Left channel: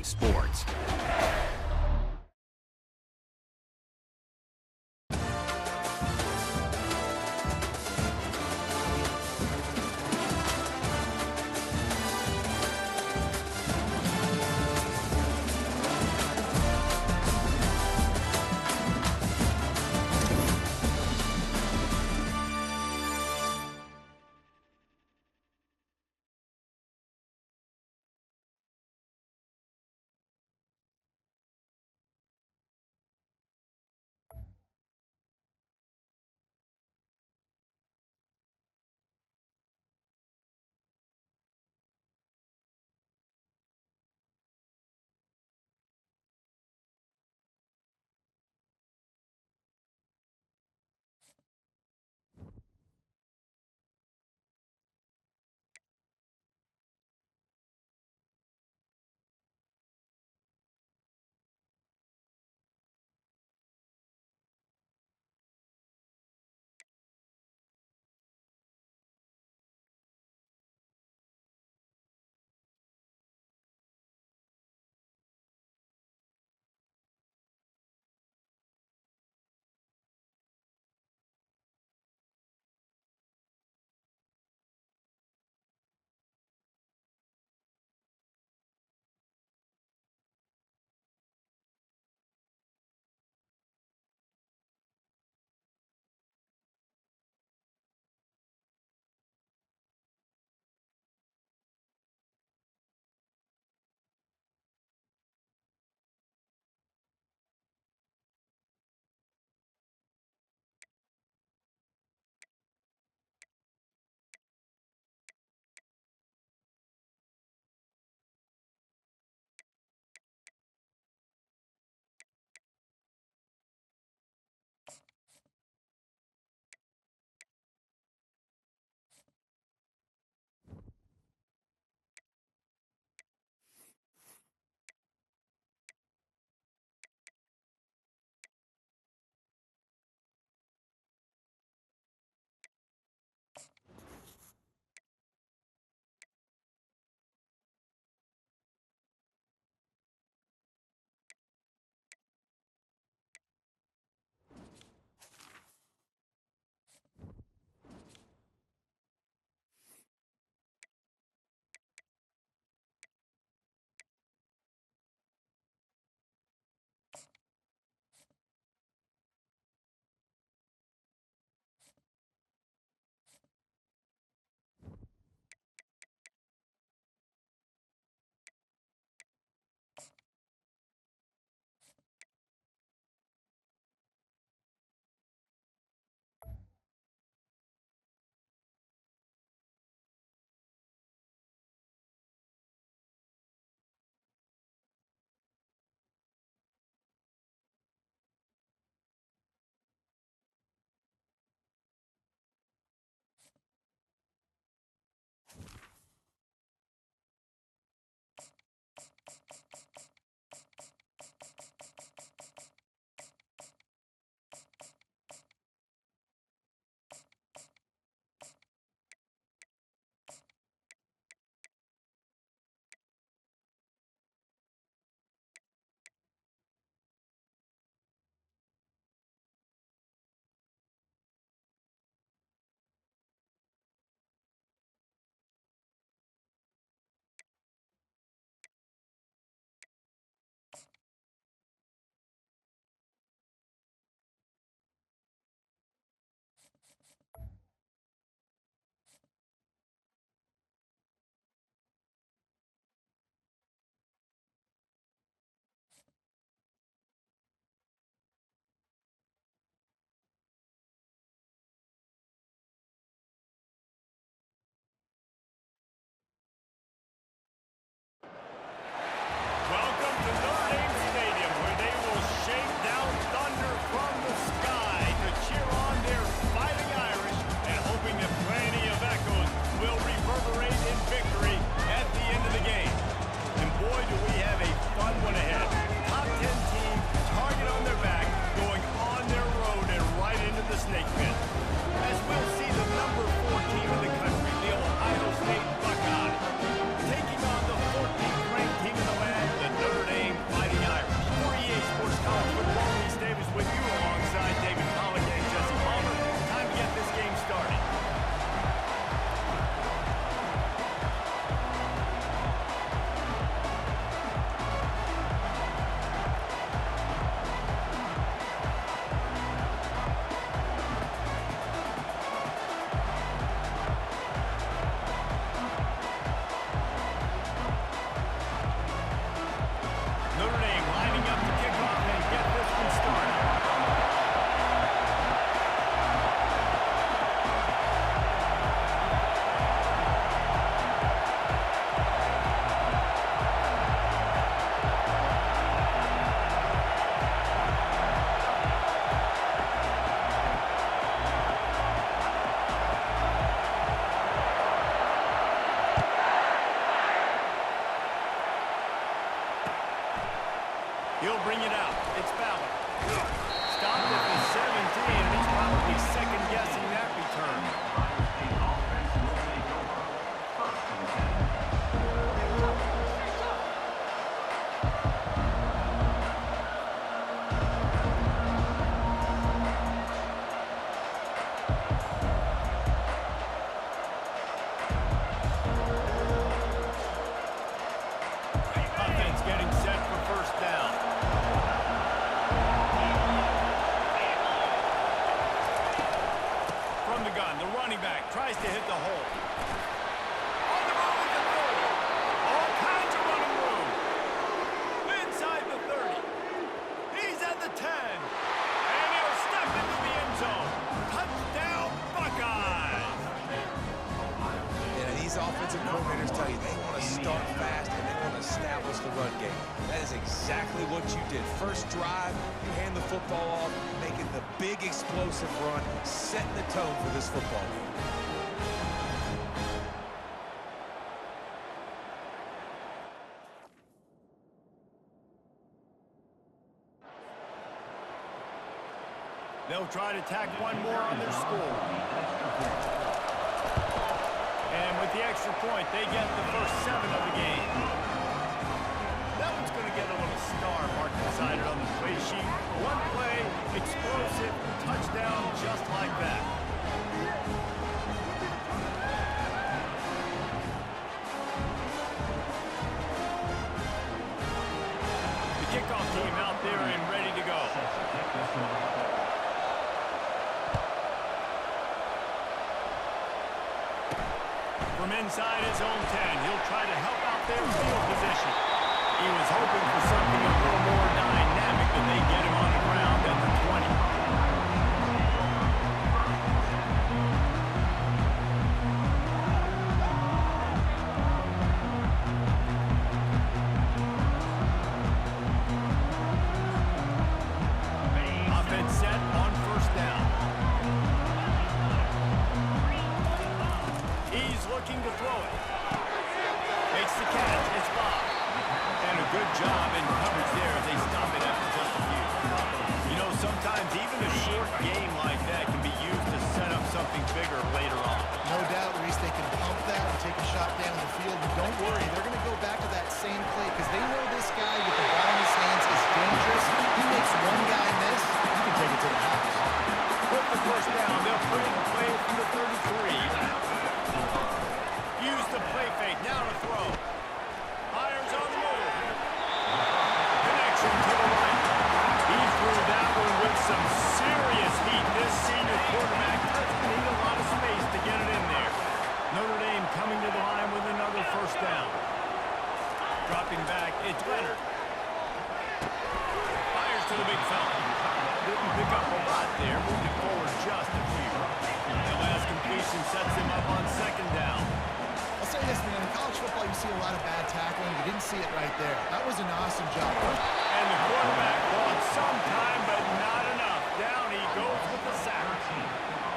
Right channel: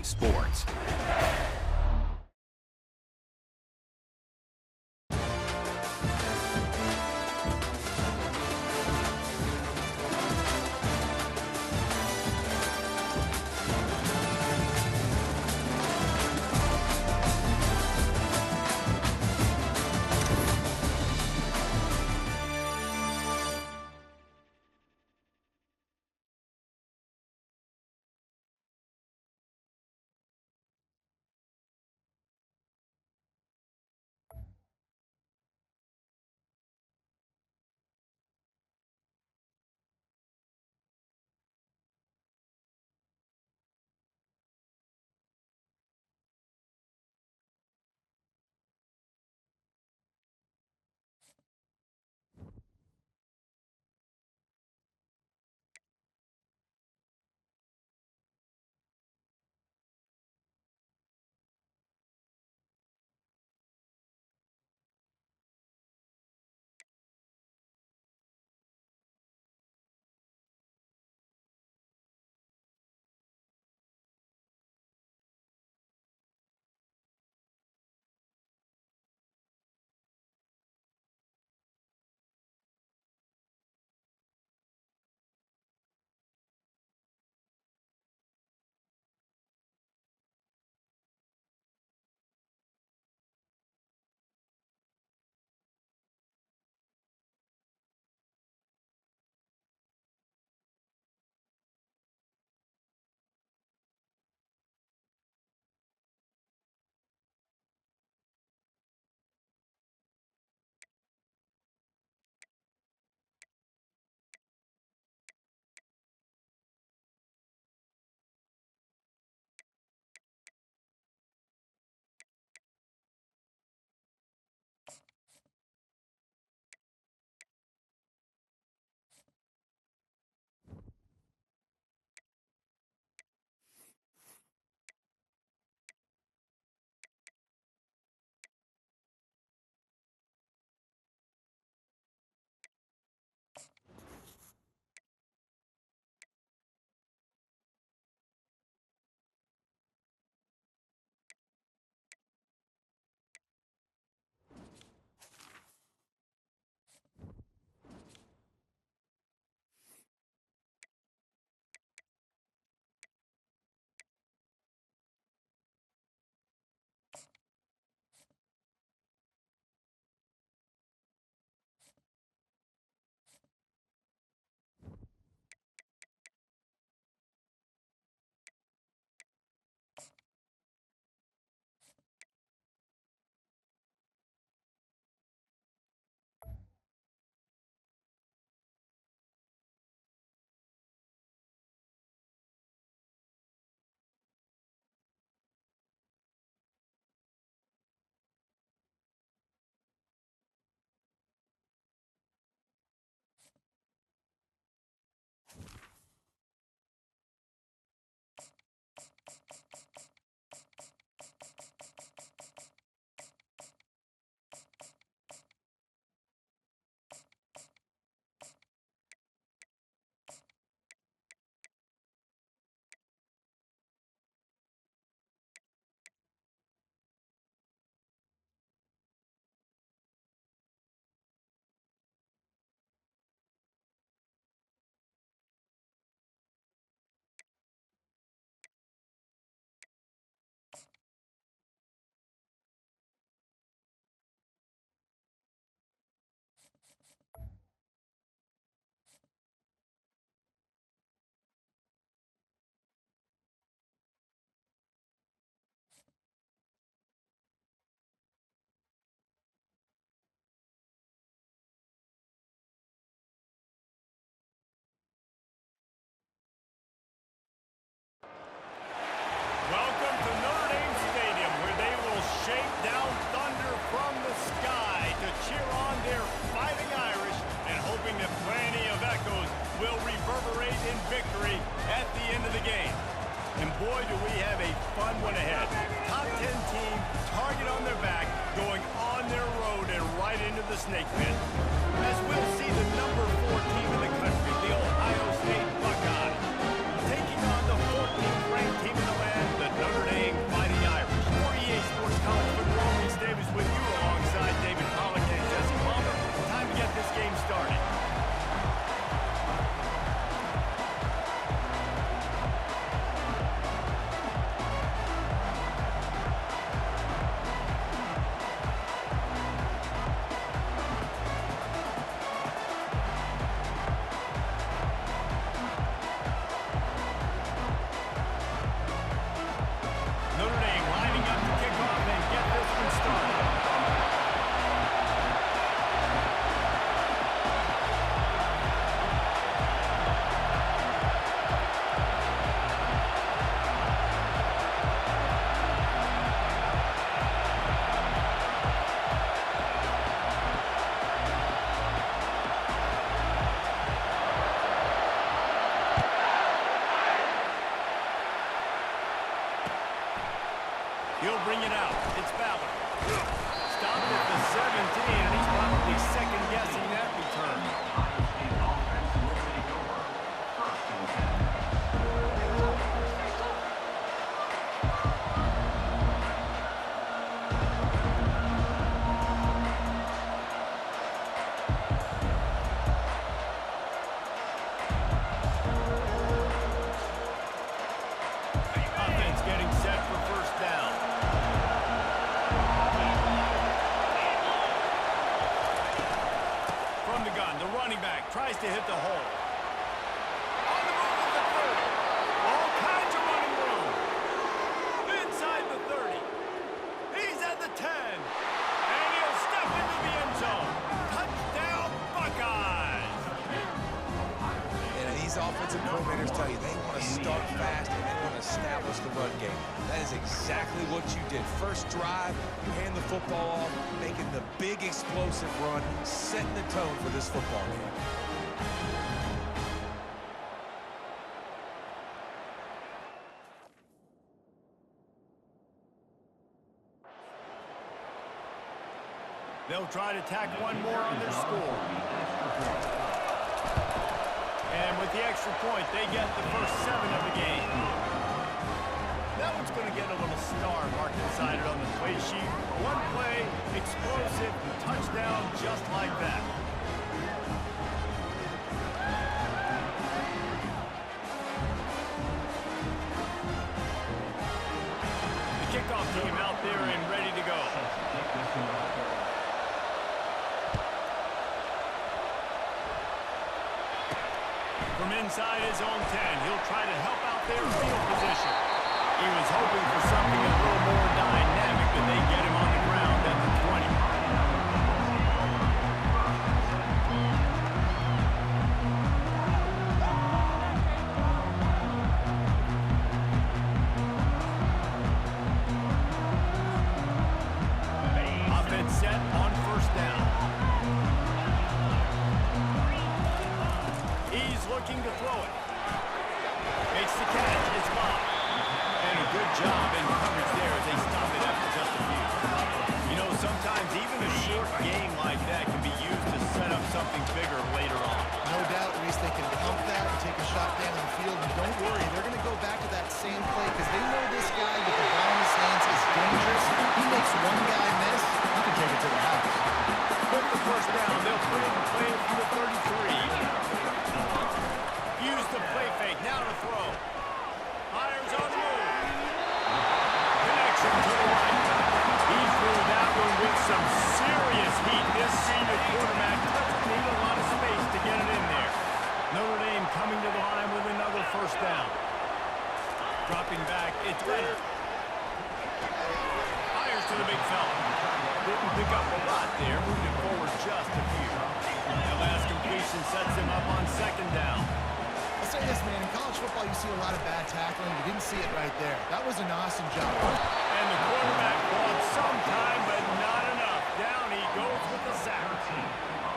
Big Sports. Welcome to Notre Dame Stadium, where they will shake down thunder from the sky to cheer on their Fighting Irish and hoping that plenty of echoes will reverberate in victory at the end of the game. And boy, do we have a fun one ahead. Top 10 team, target on their back, going on their road and right into the snake pit. As we'll see the number 4 team in the country, the Ohio State Buckeyes, taking on the 14th ranked team in the land, the Notre He'll bring it out. It's Ballard. Stopped at the 17, and he's probably second-guessing that return. Offense getting set for first down. From the gun, the running back tries to hit the hole. On the move at the 30. All kinds of running room. Inside the 30. He's at the 10. And he'll step into the end zone. Touchdown, Buckeyes. And these offensive coordinators tell you they want to start fast and they want to establish the run game. That is exactly what you did. First drive, you hand the football off, making the big explosive run, setting the tone for this football game. They'll try to tack one more on their score. And with the extra point, they get the first 7 of the game. That one's going to get a little star marked inside it on the play sheet. One play, explosive, touchdown, just like that. The kickoff team out there and ready to go. From inside his own 10, he'll try to help out their field position. He was hoping for something a little more dynamic, but they get him on the ground at the 20. Offense set on first down. He's looking to throw it. Makes the catch. It's Bob. And a good job in coverage there as they stop it after just a few. You know, sometimes even a short game like that can be used to set up something bigger later on. No doubt, Reese, they can pump that and take a shot down in the field. And don't worry, they're going to go back to that same play because they know this guy with the ball in his hands is dangerous. He makes one guy miss, you can take it to the house. With the first down, they'll bring the play from the 33. Use the play fake, now to throw. Hires on the move. Connection to the right. He threw that one with some serious heat. This senior quarterback doesn't need a lot of space to get it in there. Notre Dame coming to the line with another first down. Dropping back, it's Leonard. Fires to the big fella. Didn't pick up a lot there, moved it forward just a few. The last completion sets him up on second down. I'll say this, man, in college football you see a lot of bad tackling. You didn't see it right there. That was an awesome job. And the quarterback bought some time, but not enough. Down he goes with the sack.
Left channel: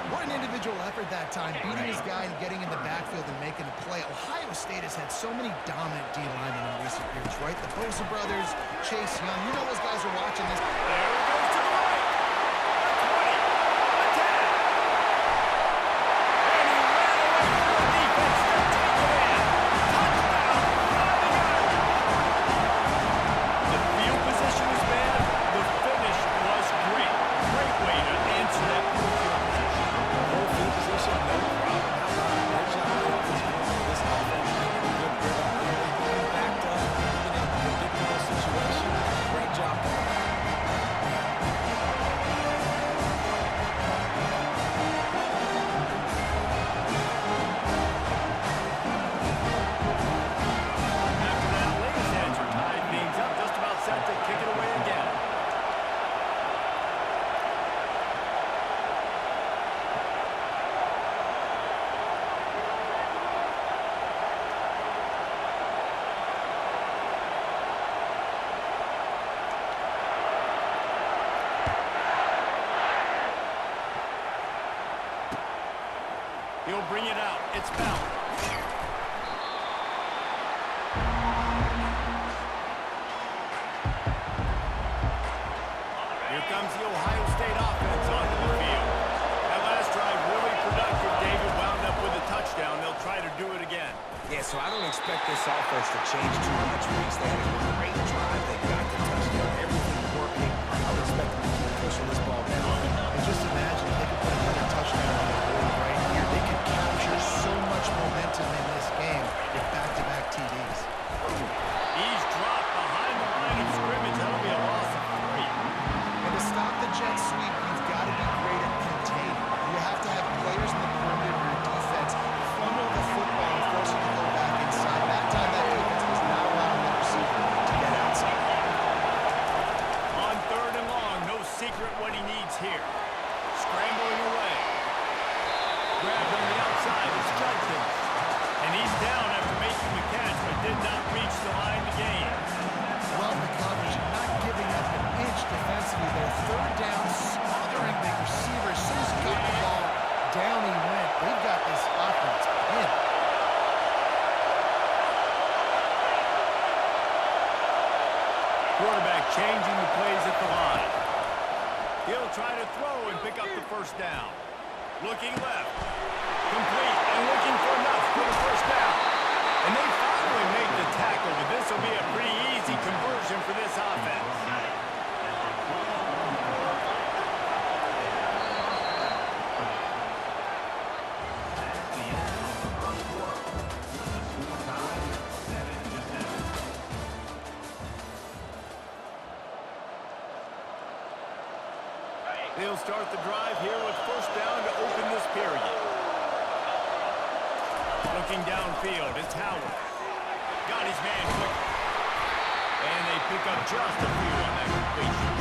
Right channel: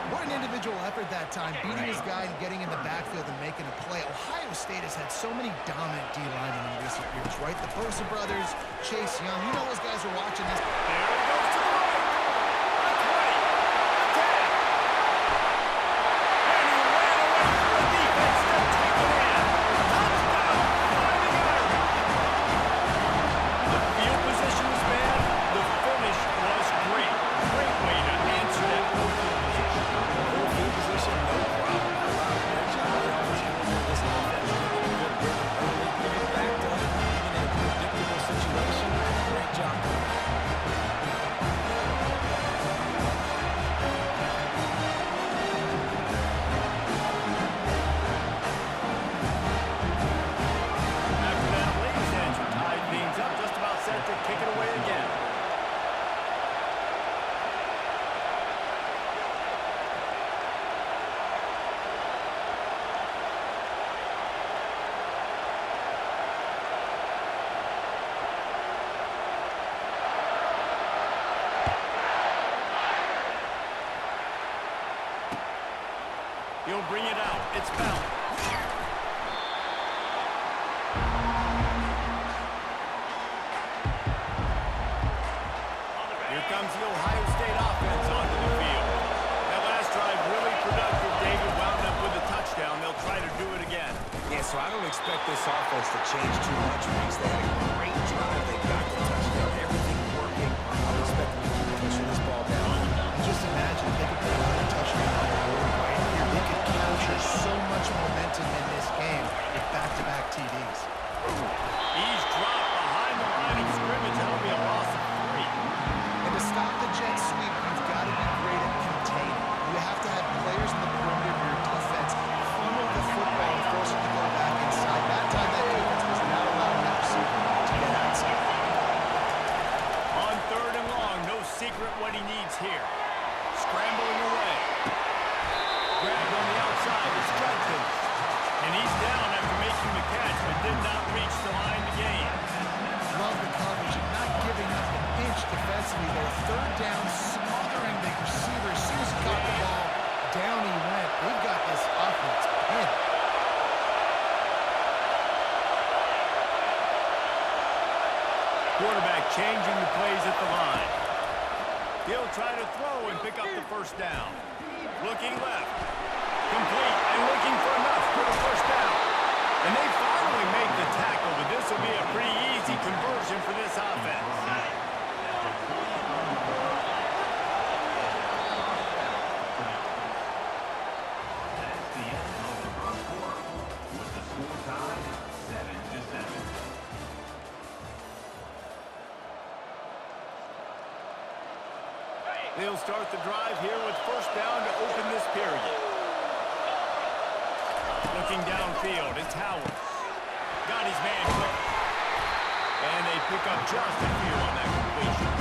What an individual effort that time, beating his guy and getting in the backfield and making a play. Ohio State has had so many dominant D-linemen in recent years, right? The Bosa brothers, Chase Young. You know those guys are watching this. There he goes to the right. The 20, the 10. And he ran away from the defense to take it in. Touchdown, Fighting Irish. The field position was bad. The finish was great. Great way to answer that poor field position. Poor field position, no problem. How about a great job by the offensive coordinator? This offense getting in a good rhythm early, even backed up, even in a predictable situation. Great job coming out. After that latest answer tied things up, just about set to kick it away again. He'll bring it out. It's Ballard. comes the Ohio State offense onto the field. That last drive really productive. David wound up with a touchdown. They'll try to do it again. Yeah, so I don't expect this offense to change too much, Reese. They had a great drive. They got the touchdown. Everything working. I would expect them to keep pushing this ball down. And just imagine if they could put another touchdown on the board right here. They could capture so much momentum in this game with back-to-back TDs. He's dropped behind the line of scrimmage. That'll be a loss of 3. And to stop the jet sweep, you've got to be great at containing. You have to have players in the perimeter of your defense funnel the football and force it to go back inside. That time, that defense was not allowing that receiver to get outside. On 3rd and long, no secret what he needs here. Scrambling away. Grabbed on the outside. It's Judkins. And he's down after making the catch, but did not reach the line to gain. Love the coverage, not giving up an inch defensively there. 3rd down, smothering the receiver. As soon as he caught the ball, down he went. They've got this offense pinned. Quarterback changing the plays at the line. He'll try to throw and pick up the 1st down. Looking left. Complete and looking for enough for the 1st down. And they finally make the tackle, but this will be a pretty easy conversion for this offense. They'll start the drive here with 1st down to open this period. Looking downfield, it's Howard. Got his man quick. And they pick up just a few on that completion.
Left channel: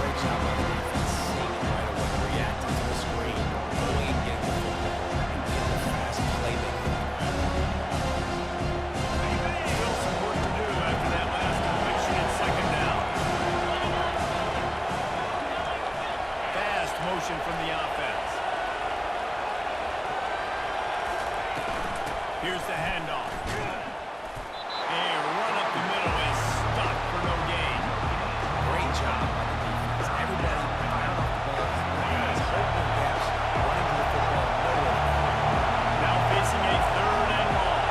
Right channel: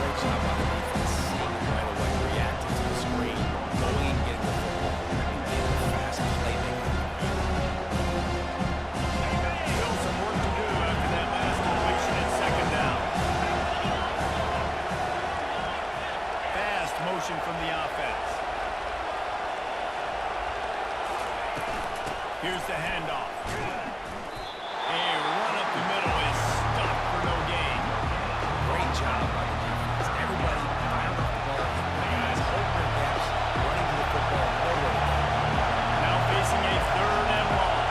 Great job by the defense, seeing it right away, reacting to the screen, going and getting the football, and getting the fast playmaking. Still some work to do after that last completion at 2nd down. Fast motion from the offense. Here's the handoff. A run up the middle is stopped for no gain. Great job by the defense. Everybody firing off the ball. The guys holding their gaps, running to the football, nowhere to go. Now facing a 3rd and long.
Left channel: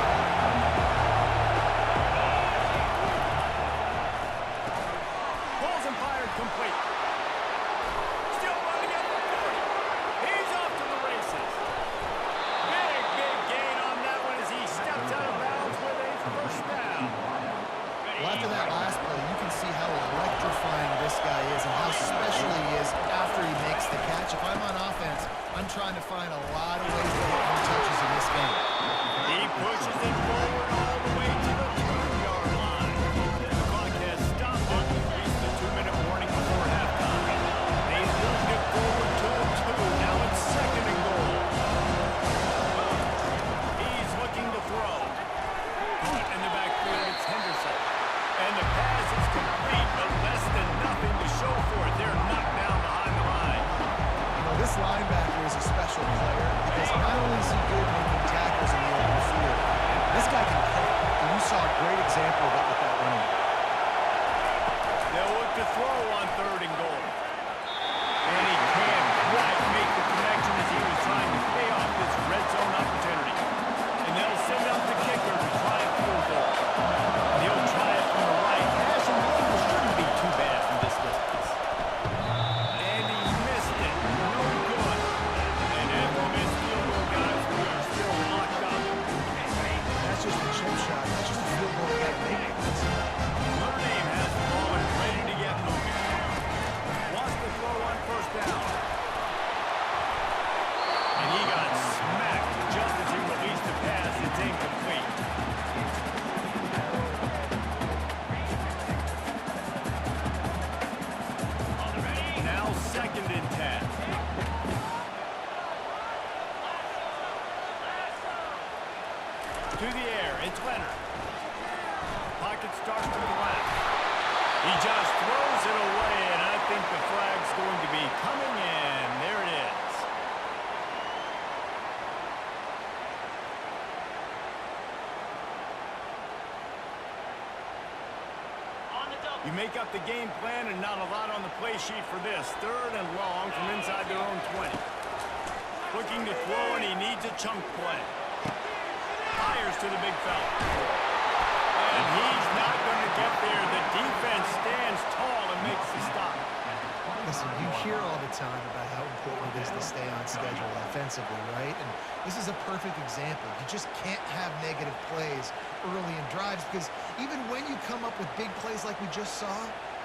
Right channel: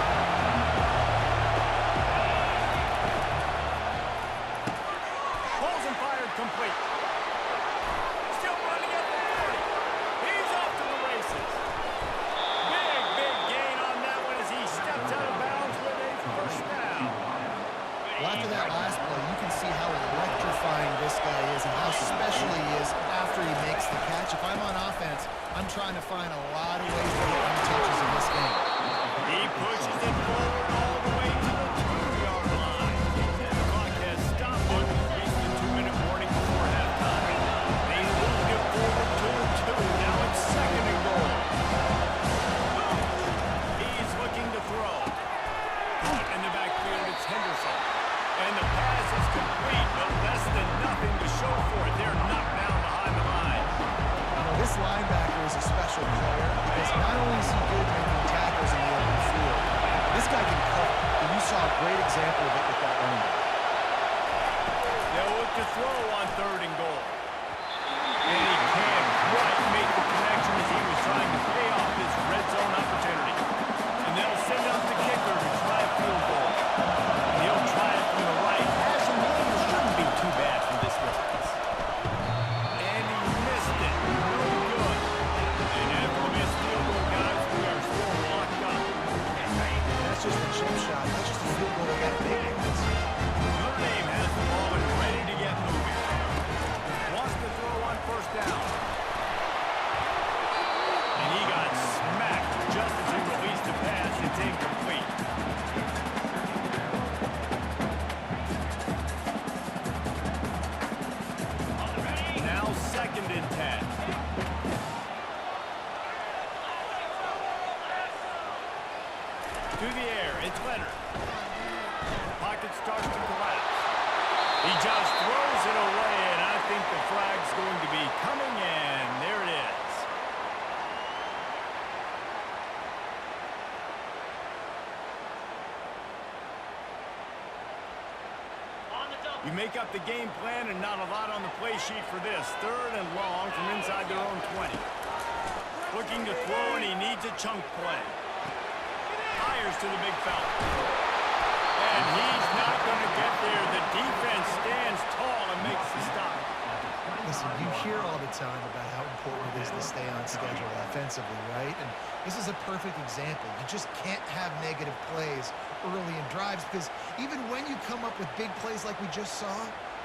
Pulls and fired complete. Still running at the 40. He's off to the races. Big gain on that one as he steps out of bounds with a 1st down. Well, after that last play, you can see how electrifying this guy is and how special he is after he makes the catch. If I'm on offense, I'm trying to find a lot of ways to get more touches in this game. He pushes it forward all the way to the 2-yard line. The clock has stopped it. We've reached the 2-minute warning before halftime. They moved it forward to the 2. Now it's 2nd and goal. He's looking to throw. Caught in the backfield, it's Henderson. And the pass is complete, but less than nothing to show for it. They're knocked down behind the line. You know, this linebacker is a special player because not only is he good making tackles in the open field, this guy can cover. And you saw a great example of it with that running back. They'll look to throw on 3rd and goal. And he can't quite make the connection as he was trying to pay off this red zone opportunity. And they'll send out the kicker to try a field goal. And he'll try it from the right. Pass and angle shouldn't be too bad from this distance. And he missed it. No good. And after a missed field goal, guys, we are still locked up. That's just a chip shot. That's just a field goal they got to make. Notre Dame has the ball and ready to get moving. Wants to throw on 1st down. And he got smacked just as he released the pass. It's incomplete. Now 2nd and 10. To the air, it's Leonard. Pocket starts to collapse. He just throws it away, and I think the flag's going to be coming in. There it is. On the double. You make up the game plan and not a lot on the play sheet for this. 3rd and long from inside their own 20. Looking to throw, and he needs a chunk play. Fires to the big fella. And he's not going to get there. The defense stands tall and makes the stop. Listen, you hear all the time about how important it is to stay on schedule offensively, right? And this is a perfect example. You just can't have negative plays early in drives because even when you come up with big plays like we just saw,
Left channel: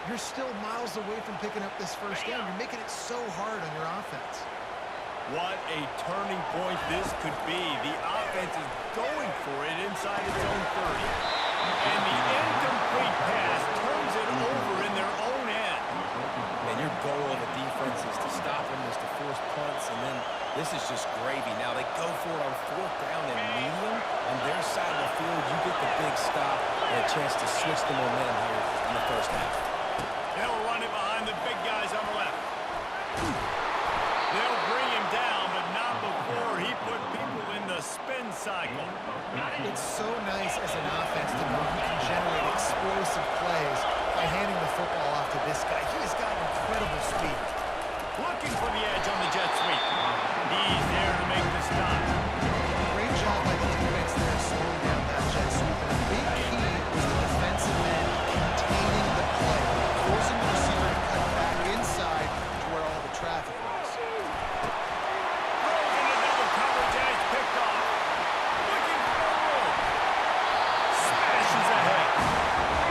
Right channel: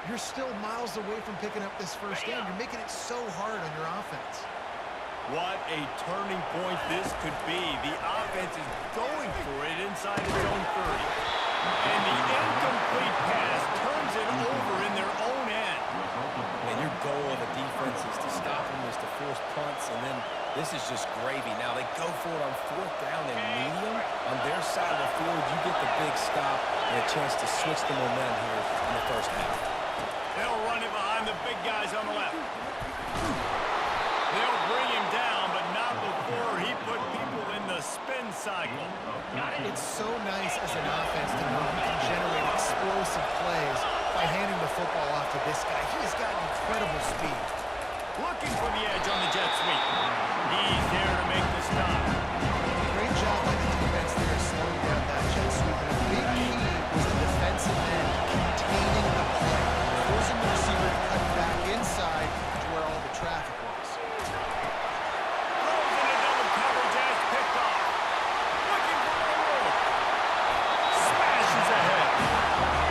you're still miles away from picking up this first down. You're making it so hard on your offense. What a turning point this could be. The offense is going for it inside its own 30. And the incomplete pass turns it over in their own end. And your goal of the defense is to stop them, is to force punts, and then this is just gravy. Now they go for it on 4th down and medium. On their side of the field, you get the big stop and a chance to switch the momentum here in the first half. They'll run it behind the big guys on the left. They'll bring him down, but not before he put people in the spin cycle. It's so nice as an offense to know you can generate explosive plays by handing the football off to this guy. He has got incredible speed. Looking for the edge on the jet sweep. He's there to make the stop. Great job by the defense there slowing down that jet sweep. And a big key was the defensive end containing the play, forcing the receiver to cut back inside to where all the traffic was. Throws into double coverage and it's picked off. Looking for more room. Smashes ahead.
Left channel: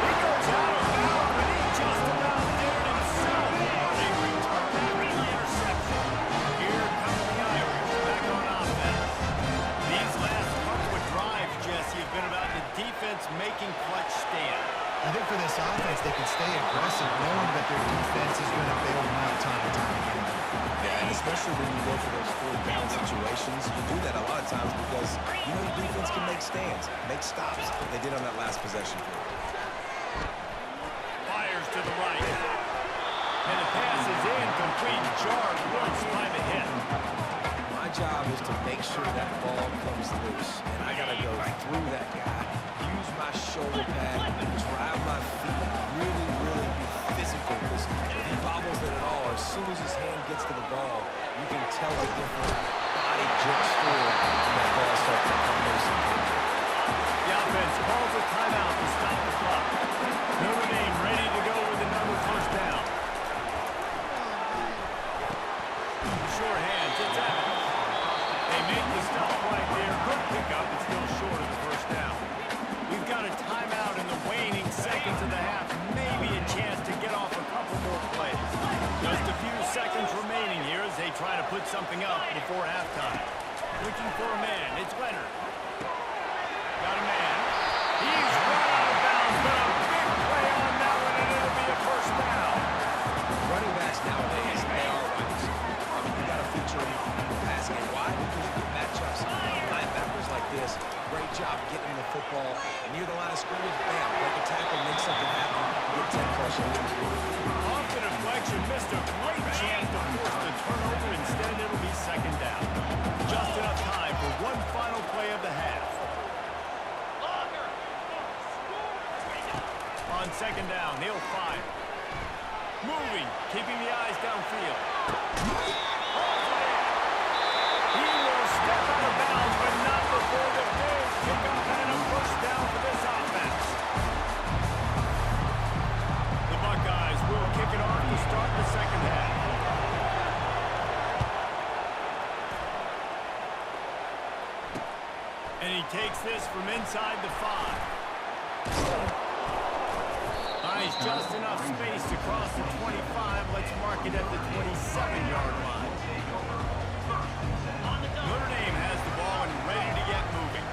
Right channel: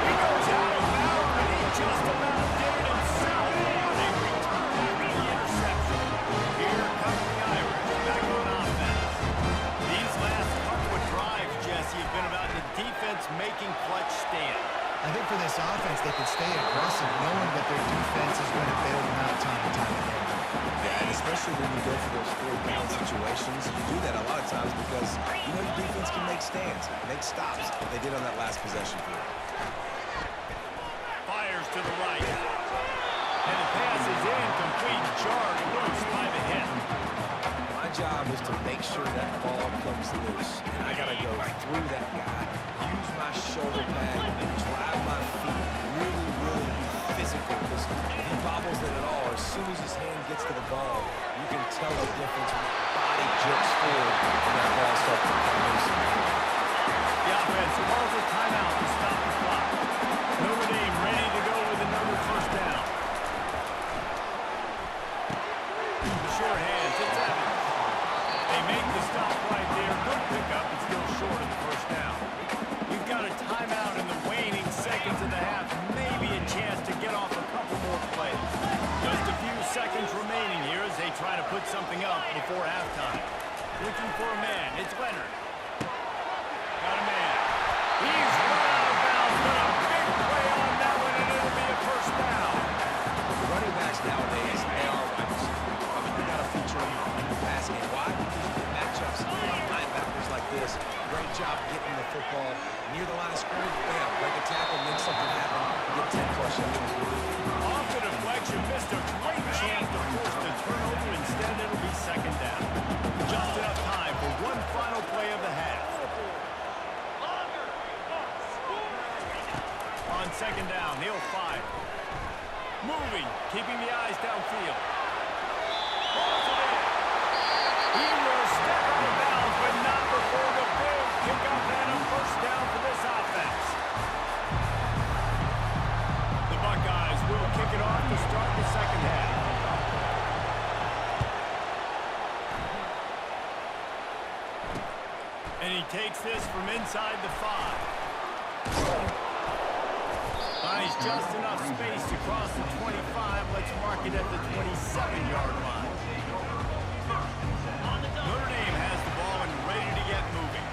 He goes out of bounds, but he just about did it himself. What a return after the interception. Here come the Irish back on offense. These last couple of drives, Jesse, have been about the defense making clutch stand. I think for this offense, they can stay aggressive knowing that their defense is going to bail them out time and time again. Yeah, and especially when you go for those 4th down situations, you do that a lot of times because you know your defense can make stands, make stops. They did on that last possession for you. Fires to the right. And the pass is incomplete. Jarred loose by the hit. My job is to make sure that ball comes loose, and I got to go through that guy, use my shoulder pad, drive my feet, really be physical, because if he bobbles it at all, as soon as his hand gets to the ball, you can tell the difference when that body jerks forward and that ball starts to come loose and come in. The offense calls a timeout to stop the clock. Notre Dame ready to go with another first down. The short hands, it's Evans. They make the stop right there. Good pickup, but still short of the first down. We've got a timeout in the waning seconds of the half. Maybe a chance to get off a couple more plays. Just a few seconds remaining here as they try to put something up before halftime. Looking for a man. It's Leonard. Got a man. He's run out of bounds, but a big play on that one, and it'll be a first down. Running backs nowadays, they are wide receivers. I mean, you got to feature them in the pass game. Why? Because you get matchups on linebackers like this. Great job getting the football near the line of scrimmage. Bam, break a tackle, make something happen, get 10+ yards. Off the deflection, missed a great chance to force the turnover. Instead, it'll be second down. Just enough time for one final play of the half. On second down, he'll fire. Moving, keeping the eyes downfield. Holds it in. He will step out of bounds, but not before the big pickup and a first down for this offense. The Buckeyes will kick it off to start the second half. And he takes this from inside the 5. Buys just enough space to cross the 25. Let's mark it at the 27-yard line. Notre Dame has the ball and ready to get moving.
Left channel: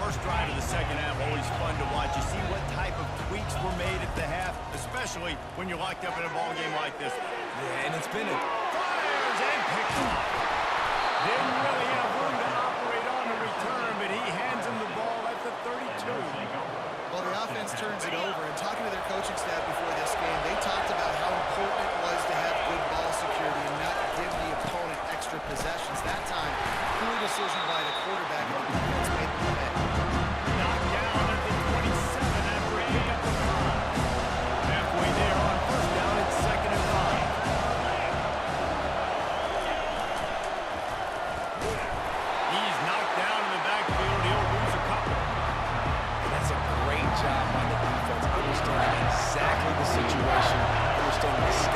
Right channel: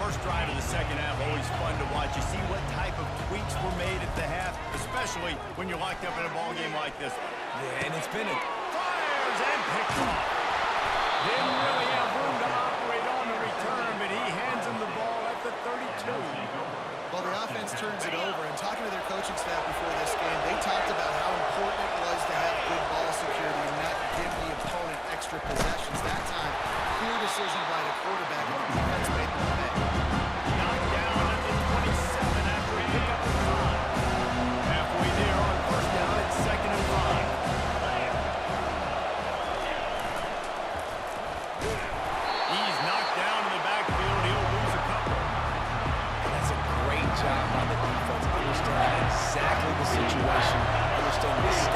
First drive of the second half, always fun to watch. You see what type of tweaks were made at the half, especially when you're locked up in a ball game like this one. Yeah, and it's been a... Fires and picked off. Didn't really have room to operate on the return, but he hands him the ball at the 32. Well, the offense turns it over, and talking to their coaching staff before this game, they talked about how important it was to have good ball security and not give the opponent extra possessions. That time, poor decision by the quarterback, and the defense made them pay. Knocked down at the 27 after a pick up of 5. Halfway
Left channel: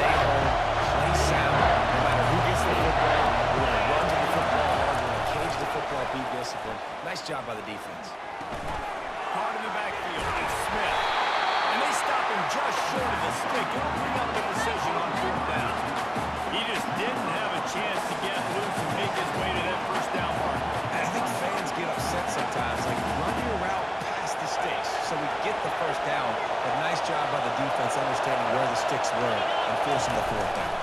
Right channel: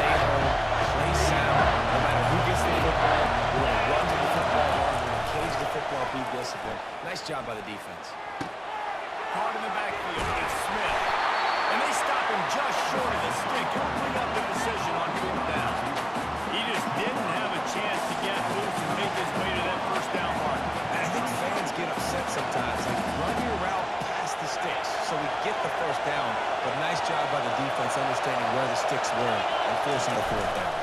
stay home, play sound, no matter who gets the football. We're going to run to the football hard. We're going to cage the football, be disciplined. Nice job by the defense. Hard in the backfield. It's Smith. And they stop him just short of the stick. It'll bring up the decision on 4th down. He just didn't have a chance to get loose and make his way to that first down mark. And I think fans get upset sometimes. Like, run your route past the sticks so we get the first down. But nice job by the defense understanding where the sticks were and forcing the 4th down.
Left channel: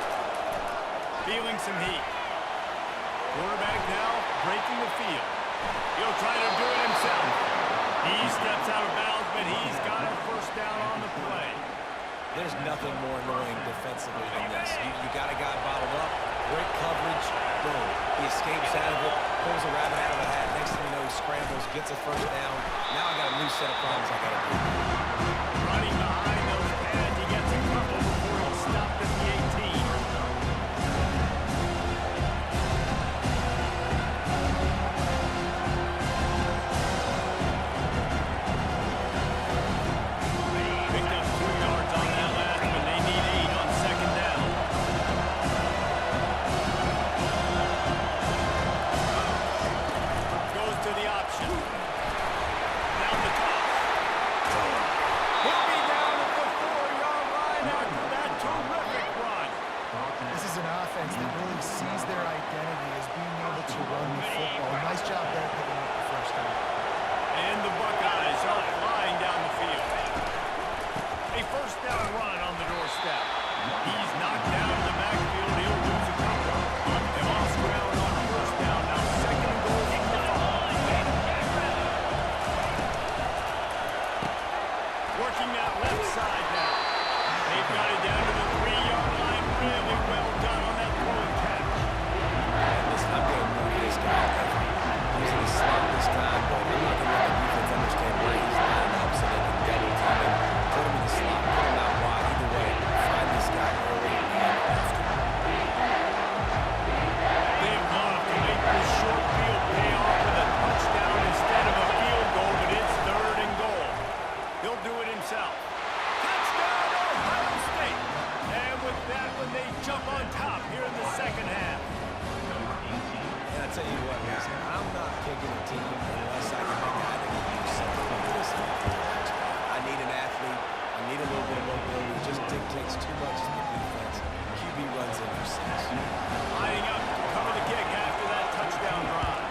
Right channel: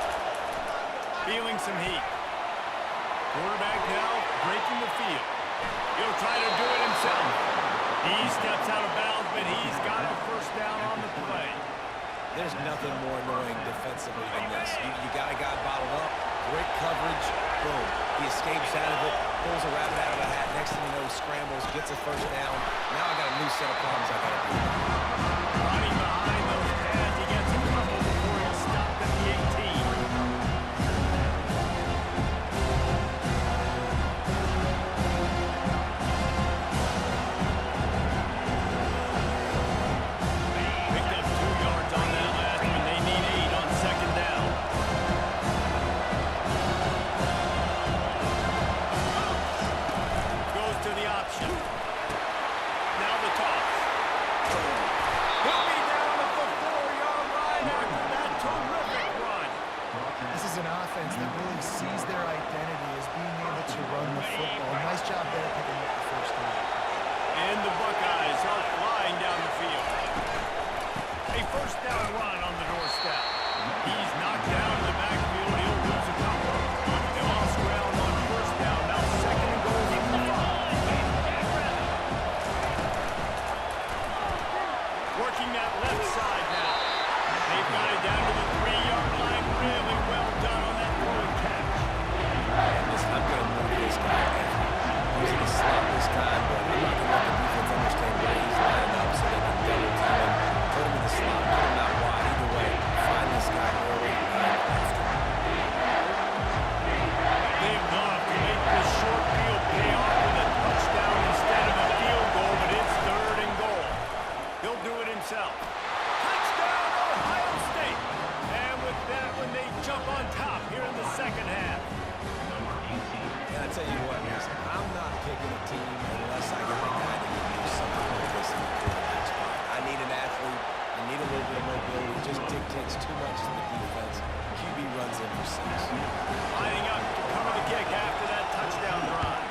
Feeling some heat. Quarterback now breaking the field. He'll try to do it himself. He steps out of bounds, but he's got a first down on the play. There's nothing more annoying defensively than this. You got a guy bottled up, great coverage, boom. He escapes out of it, pulls a rabbit out of a hat. Next thing you know, he scrambles, gets a first down. Now I got a new set of problems I got to deal with. Running behind those pads, he gets a couple before he's stopped at the 18. Picked up 2 yards on that last one. They need 8 on 2nd down. Goes to the option. Now the toss. He'll be down at the 4-yard line after that terrific run. This is an offense that really sees their identity as being able to run the football. Nice job there picking up the first down. And the Buckeyes are flying down the field. A first down run on the doorstep. He's knocked down in the backfield. He'll lose a couple. They lost ground on first down. Now 2nd and goal from the 5. Working that left side now. They've got it down to the 3-yard line. Really well done on that throw and catch. And listen, I'm going to move this guy every. He's in the slot this time, but I'm not going to let the defense understand where he's lining up so they can double team him, put him in the slot, put him out wide. Either way, find this guy early and after. They've gone to make this short field pay off with a touchdown instead of a field goal, but it's 3rd and goal. He'll do it himself. Touchdown, Ohio State! And with that one, they jump on top here in the 2nd half. And I tell you what, listen, I'm not picking a team unless I got a guy that can do something like this in the quarterback spot. I need an athlete. I need a little bit of mobility. It just dictates too much to the defense. QB runs in for 6. Lining up to cover the kick after that touchdown drive.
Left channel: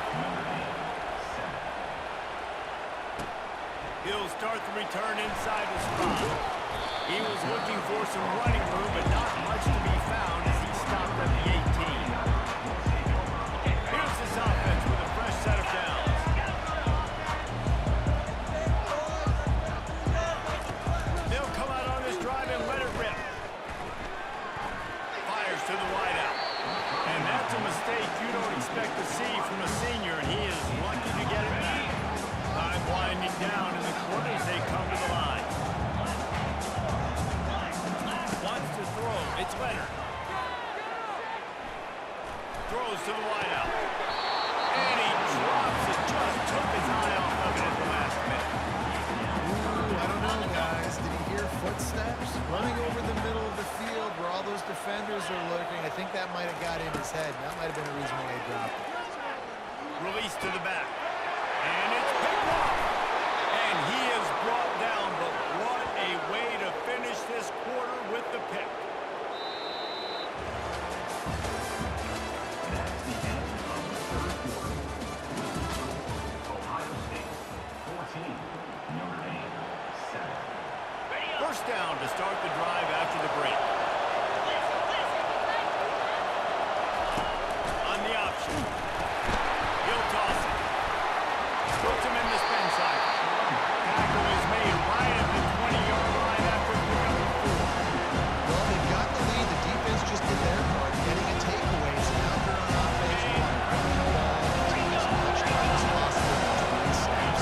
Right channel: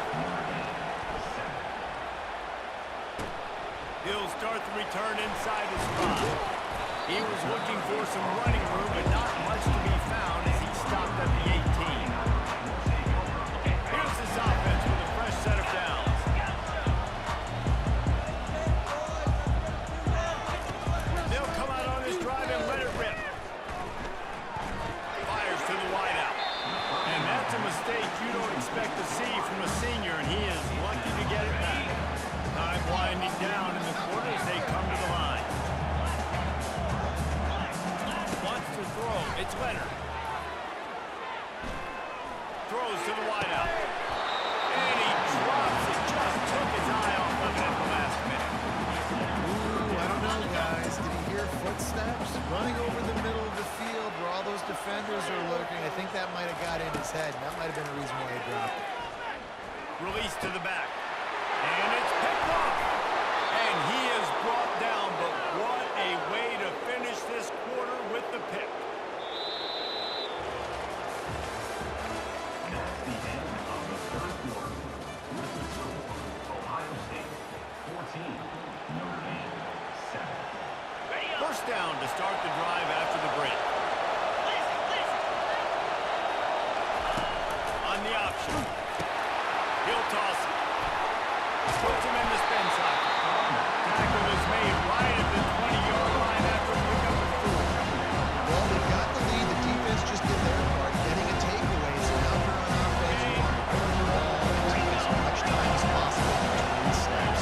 He'll start the return inside his spot. He was looking for some running room, but not much to be found as he stopped at the 18. Here's this offense with a fresh set of downs. They'll come out on this drive and let it rip. Fires to the wideout. And that's a mistake you don't expect to see from a senior, and he is lucky to get it back. Time winding down in the corners, they come to the line. Wants to throw. It's Leonard. Throws to the wideout. And he drops it. Just took his eye off of it at the last minute. Ooh, I don't know, guys. Did he hear footsteps? Running over the middle of the field where all those defenders are lurking. I think that might have got in his head. That might have been a reason why he dropped it. Release to the back. And it's picked off. And he is brought down, but what a way to finish this quarter with the pick. That's the end of the 3rd quarter. With the score, Ohio State 14, Notre Dame 7. First down to start the drive after the break. On the option. He'll toss it. Puts him in the spin cycle. Tackle is made right at the 20-yard line after pickup of 4. Well, they've got the lead. The defense just did their part, getting a takeaway. So now they're on offense. You want to run the ball and take as much time as possible between snaps.